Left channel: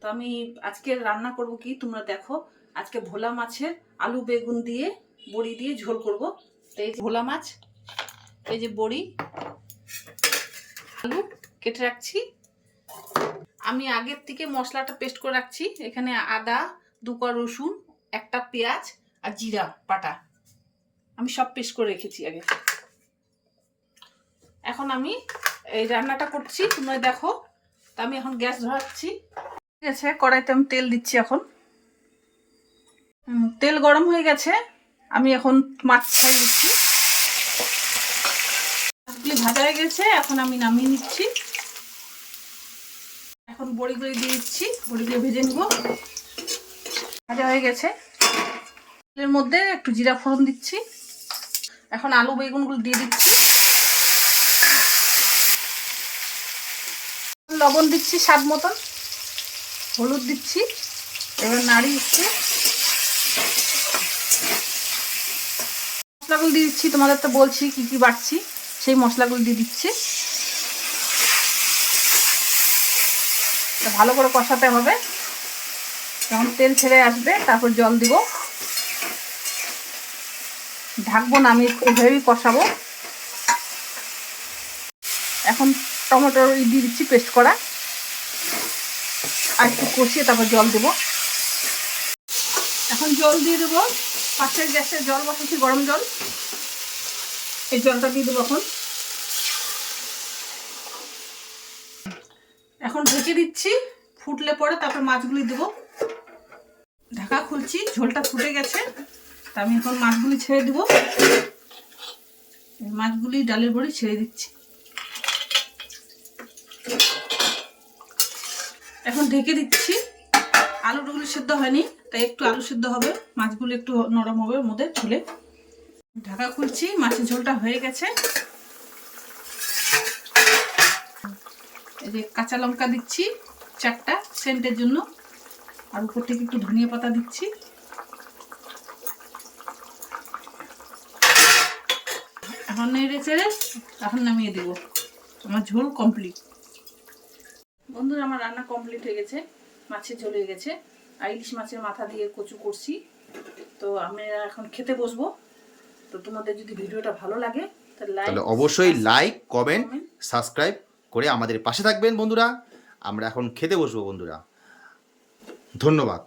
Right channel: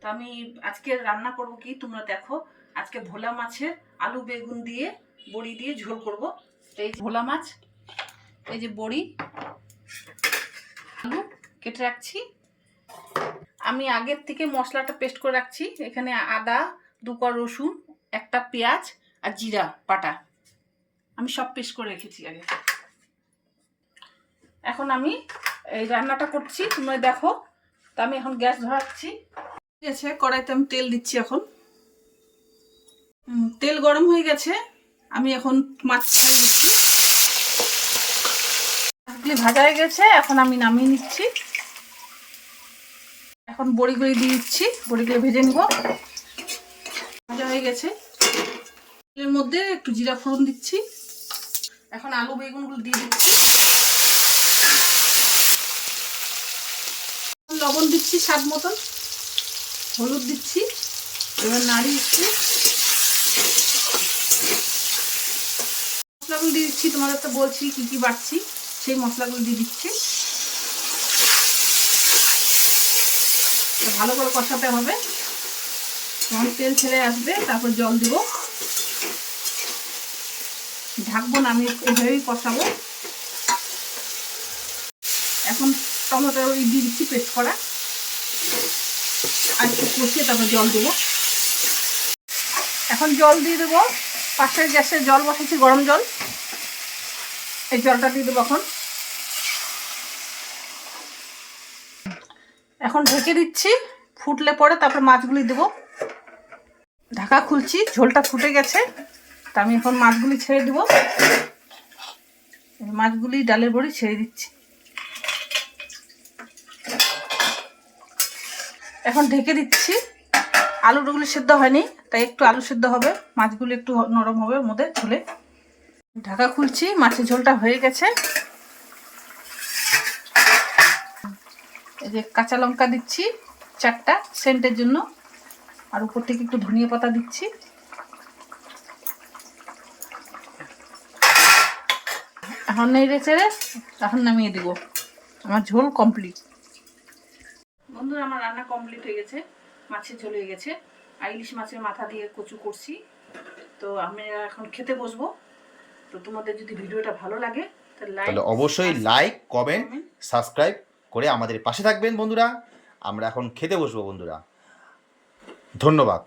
তো আমি আজকে রান্না করব কি তোমরা দেখো। আজকে ভোলা মাছের আলু বেগুন দিয়ে বড়ি দিয়ে ঝোল করব। তো এই যে ভোলা মাছ, এই যে বড়ি, আলু কেটে রাখছি। আমি আগের থেকে মশলাটা পেস্ট করে রাখছি। এখানে আদা, 2 কোয়া রসুন, একটা পেঁয়াজ আর জিরা বাটা আমি সব পেস্ট করে রেখেছি আগে। এখন আমি এই রান্নাটা করছি, তোমরা দেখো। তা আমি এখন গ্যাস ধরাচ্ছি। ঠিক আছে, কড়াইতে আমি তেল দিচ্ছি। এখন তেল গরম হয়ে গেছে, আমি এখন মাছ ছেড়ে দিচ্ছি। মাছগুলি ভাজা হয়ে গেছে, এখন আমি নামিয়ে নিচ্ছি। এখন বড়িগুলি দিয়ে দিচ্ছি, বড়িগুলি ভেজে নিব। ভাজা হয়ে গেছে, এর মধ্যে একটু জিরা ফোড়ন দিচ্ছি। এখন আলু বেগুনগুলো দিয়ে দিচ্ছি, লবণ দিচ্ছি স্বাদ মতন, হলুদ দিচ্ছি। এবার নাড়ি দিচ্ছি, মশলাগুলো দিয়ে দিচ্ছি। তোমাদের তো বলছি কি কি বাড়ছি, সেই মশলাগুলো দিয়ে দিচ্ছি। ভালো করে কষাতে হবে, যখন তেল ছেড়ে আসবে তারপর জল দিব। ঢাকবো না, আমি এভাবেই কষাবো। এখন টমেটো দিয়ে দিচ্ছি পেস্ট করা, আর একটু কষিয়ে তারপর জল দেবো। এখন জল দিয়ে দেবো। পাশের গ্যাসে জল বসেছি, গরম জল, এই জলটা দিয়ে দেবো। এখন ঢেকে দিচ্ছি, ফুটলে পরে তারপর মাছগুলি দেবো। ঢাকা খুলছি, ঝোলটা ফুটে গেছে। তা আমি এখন মাছগুলি ছেড়ে দেবো। মাছগুলি ডালের বড়ি ছেড়ে দিচ্ছি। এখন ঢেকে দিচ্ছি। আলুগুলি সিদ্ধ হয়নি, তাই একটু আলু সিদ্ধ হবে, মাছগুলি একটু নরম হবে ওর মধ্যে ঝোলে। ঢাকা খুলছি, মাছের ঝোলটা হয়ে গেছে। এই যে কাঁচা লঙ্কা দিচ্ছি 4টা সেন্টের জন্য, আর উপর থেকে একটু ধনিয়া পাতা দিচ্ছি। এখন নেড়ে চেড়ে এখন নামিয়ে দিব। আমার ঝোল কমপ্লিট। বন্ধুরা, আমার রান্না কমপ্লিট হয়ে গেছে। মাছের ঝোল হয়ে গেছে, আর ইলিশ মাছের মাথা দিয়ে কচু করছি। তো আমি এখন খেতে বসবো। তো তোমাদের যদি ভিডিওটা ভালো লাগে তাহলে অবশ্যই লাইক, কমেন্ট, সাবস্ক্রাইব করে আমাদের পাশে থাকবেন বন্ধুরা। আমরা এখন খেতে বসবো বন্ধুরা। ধন্যবাদ।